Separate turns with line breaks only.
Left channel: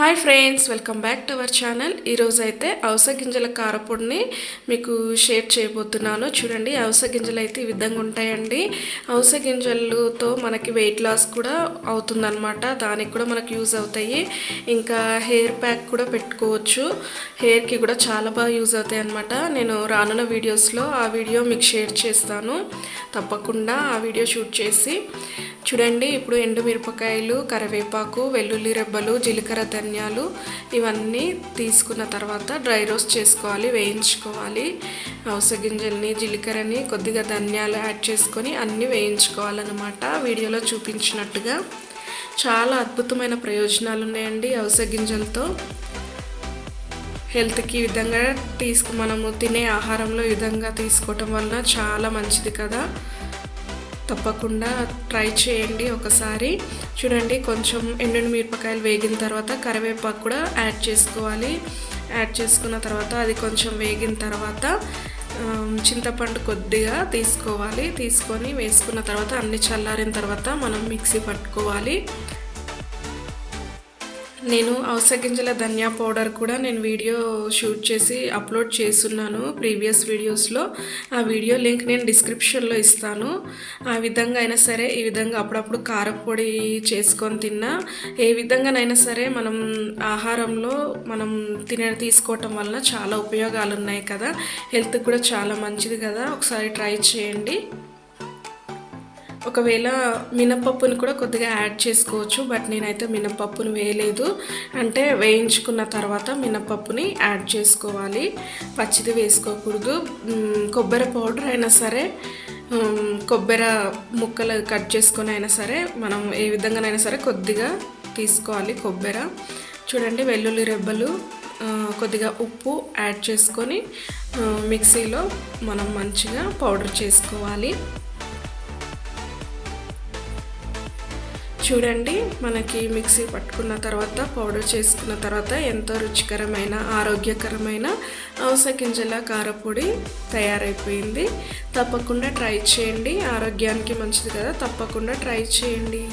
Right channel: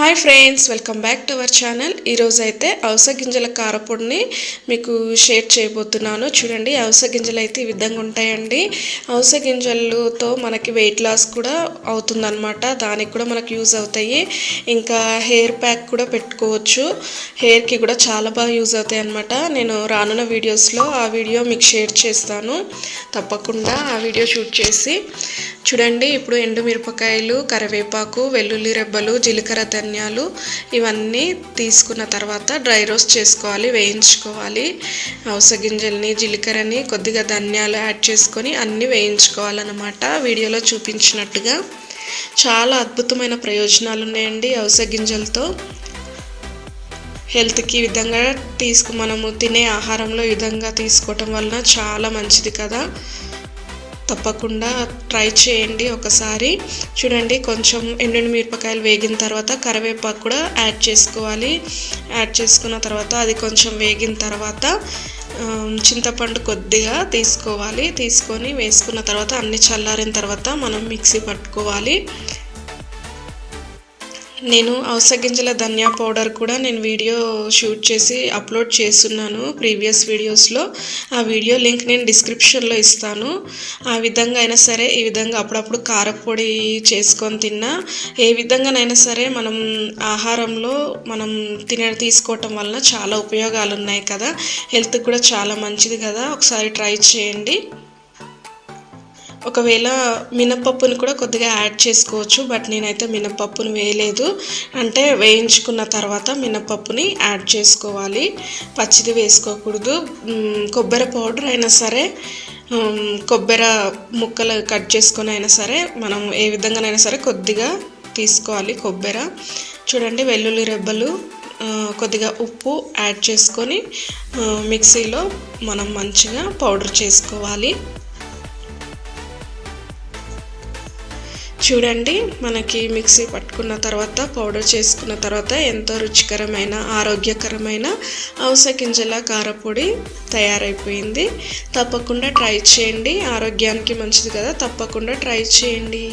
Hi friends welcome back to our channel. ఈరోజు అయితే అవస గింజల కారపొడిని మీకు షేర్ చేయబోతున్నాను. చూడండి అవస గింజలు అయితే ఈ విధంగా ఉంటాయండి. అవస గింజలతో మనకి వెయిట్ లాస్ కూడా అవుతుందన్నమాట. దానికి కూడా మనకు యూజ్ అవుతాయి. ఇంకా హెయిర్ ప్యాక్ కూడా పెట్టుకోవచ్చు. హెయిర్కి కూడా చాలా బాగా యూజ్ అవుతాయి అనమాట నేను రానున్న వీడియోస్లో ఆ వీడియో మీకు షేర్ చేస్తాను. తప్పకుండా ఆ వీడియో షూట్ చేసి చూడండి ఇప్పుడు ఎండుమిరపకాయలు కరివేపాకు వెల్లుల్లి రెబ్బలు జీలకర్ర ధనియాలు ఇవన్నీ తీసుకున్న తర్వాత డ్రై రోస్ట్ చేసుకోవాలి వేయించుకోవాలి. అవస గింజల్ని జీలకర్రని కొద్దిగా ధనియాలు యాడ్ చేసుకొని అన్నీ వేయించుకోవాలన్నమాట. వీడియోలో చూపించినట్టుగా. చాలా అద్భుతమైన ప్రయోజనాలు ఉన్నాయండి అవస గింజలతో. హెల్త్కి ఈ విధంగా తీసుకు మనము తినే ఆహారంలో ఈ విధంగా తీసుకోవటం వలన చాలా మంచిది కదా. తప్పకుండా ట్రై చేయండి ఒకసారి. చూడండి కొంచెం ఎండిన మిరపకాయలు వేగిన తర్వాత కరివేపాకు కూడా యాడ్ చేసుకోవాలి. యాడ్ చేసుకున్న తర్వాత అది కొంచెం వేగిన తర్వాత చింతపండు కొద్దిగా తీసుకోవాలి. తీసుకొని వేసుకున్న తర్వాత అన్ని చల్లారిన తర్వాత మనం మిక్సీ పట్టుకోవాలి. నేను అవస గింజల ధనియా పౌడర్ కూడా నేను వీడియో షూట్ చేసి అప్లోడ్ చేస్తున్నాను ప్రీవియస్ వీడియోస్లో. ఆ వీడియో లింక్ నేను డిస్క్రిప్షన్లో ఇస్తాను. ఆ విధంగా అయినా సరే ఈ విధంగా అప్పుడప్పుడు కారపొడి చేసుకొని తిన్నా ఏ విధంగానైనా సరే మనం ఆహారంలో మనం తిన తీసుకోవటం వలన చాలా ఉపయోగాలు ఉన్నాయి కదా. హెల్త్ కూడా చాలా మంచిది కదా. ఒకసారి ట్రై చేయండి. ఒకవేళ మినపప్పుని కూడా కొద్దిగా యాడ్ చేసుకోవచ్చు బట్ నేనైతే మినపప్పుని వేయలేదు. అంటే వేయించుకున్న తర్వాత మినపప్పుని యాడ్ చేసుకోవాలి. పచ్చిది వేసుకోకూడదు. కొబ్బరి పౌడర్ అయినా సరే కొబ్బరి ముక్కలు కట్ చేసుకొని అయినా సరే మనం ఏ విధంగానైనా సరే కొద్దిగా తీసుకోవాలి కొబ్బరి. చూడండి వెల్లుల్లి రెబ్బలు కొద్దిగా ఉప్పు యాడ్ చేసుకొని మిక్సీలో మనం మంచిగా పౌడర్ చేసుకోవాలి. చూడండి మనకి మిక్సీ పట్టుకున్న తర్వాత పౌడర్ చేసుకున్న తర్వాత ఎంతో రుచికరమైన ఆరోగ్యకరమైన అవస గింజల కారపొడి తయారైపోయింది. తప్పకుండా ట్రై చేయండి. ఆరోగ్యానికి మంచిది కదా తప్పకుండా ట్రై చేయండి.